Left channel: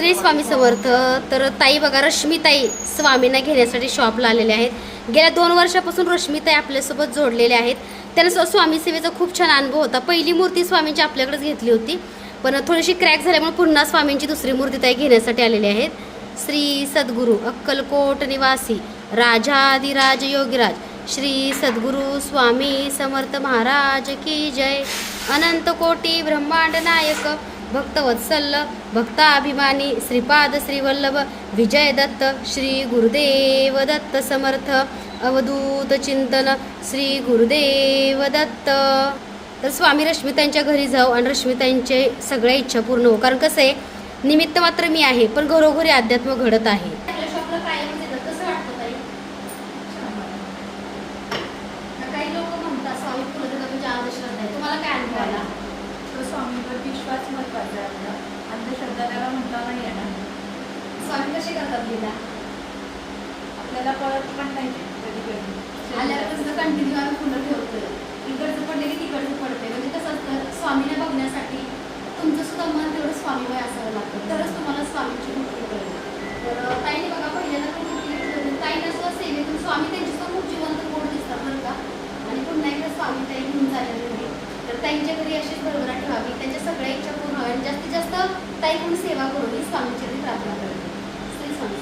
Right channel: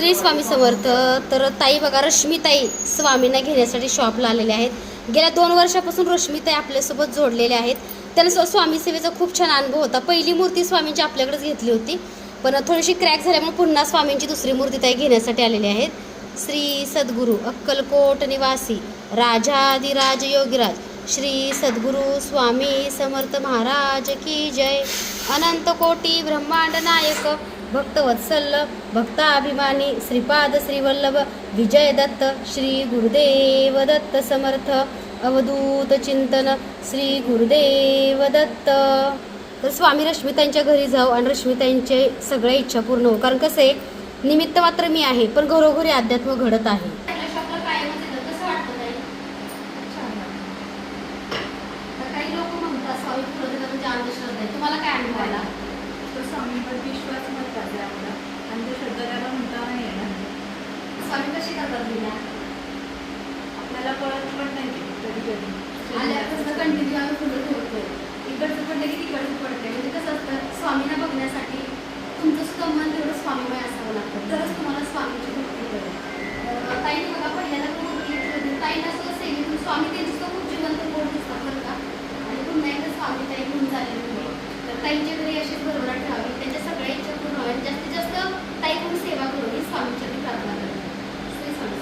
श्री स्वामी समर्थ. तर ताई बघा, रश्मीताई स्वामींना घेण्यासाठी शॉपला आलेले आहेत. गेल्या 2 वर्षापासून रश्मीताई आपल्यासोबत जोडलेले आहेत. त्यांना स्वामी सेवेचा खूप छान अनुभव होता. पहिली मूर्ती स्वामींची आपल्याकडेच घेतली होती, पण थोडीशी क्रॅक झाल्यामुळे पुन्हा स्वामींची दुसरी मूर्ती ताई घेण्यासाठी आलेली आहेत. श्री सद्गुरू अक्कलकोट निवासी राजाधिराज योगीराज श्री सद्गुरू स्वामी समर्थ महाराज की जय. अनंत कोटी ब्रह्मांड नायक भक्तवत्सल भक्ताभिमानी श्रीपाद श्रीवल्लभ विजय दत्त श्री गुरुदेव दत्त समर्थ अवधूत चिंतन श्री गुरुदेव दत्त. तर स्वामी रश्मीताईंच्या घरी जाऊ आणि रश्मीताईंचे सगळ्या इच्छा पूर्ण हो. कारण कसं आहे, निमित्त मात्र मी आहे, पण घरोघरी अध्यात्म घडत आहे. काही लोक म्हणतात स्वामी म्हणजे अंधश्रद्धा आहे. तुम्हाला काय अनुभव आला? स्वामीवर विश्वास महत्वाचा आहे आपला, अंधश्रद्धा त्याला म्हणता नाही येणार. स्वामी कशी करतात गेला आपल्याला पळत पण नाही कधी कधी आल्यापासून कंटिन्यू आम्ही फुलं ठेवतोय. इकडचं पडले की तिकडचं पडते. म्हणजे कसं असतं, स्वामीला बघण्यासाठी तुमचं सुद्धा मन तेवढं स्वामीमय असावं लागतं, तरच तुम्हाला स्वामीची भक्ती कळेल. तर ताईने बघा, पहिल्यांदा ताईला सुद्धा सेवेतून स्वामी त्यांची सुद्धा खूप जिवंत गोड दिसतात बरं का. आणि पुन्हा एकदा स्वामी ताई घेऊन झालेली नाही. तर ताईंच्या घरी अशीच भरभराट ठेवावी, त्यांच्या सगळ्या इच्छा पूर्ण व्हावी आणि जास्तीत जास्त ताई पण सेवा करून स्वामींच्या प्रार्थना करते. श्री स्वामी.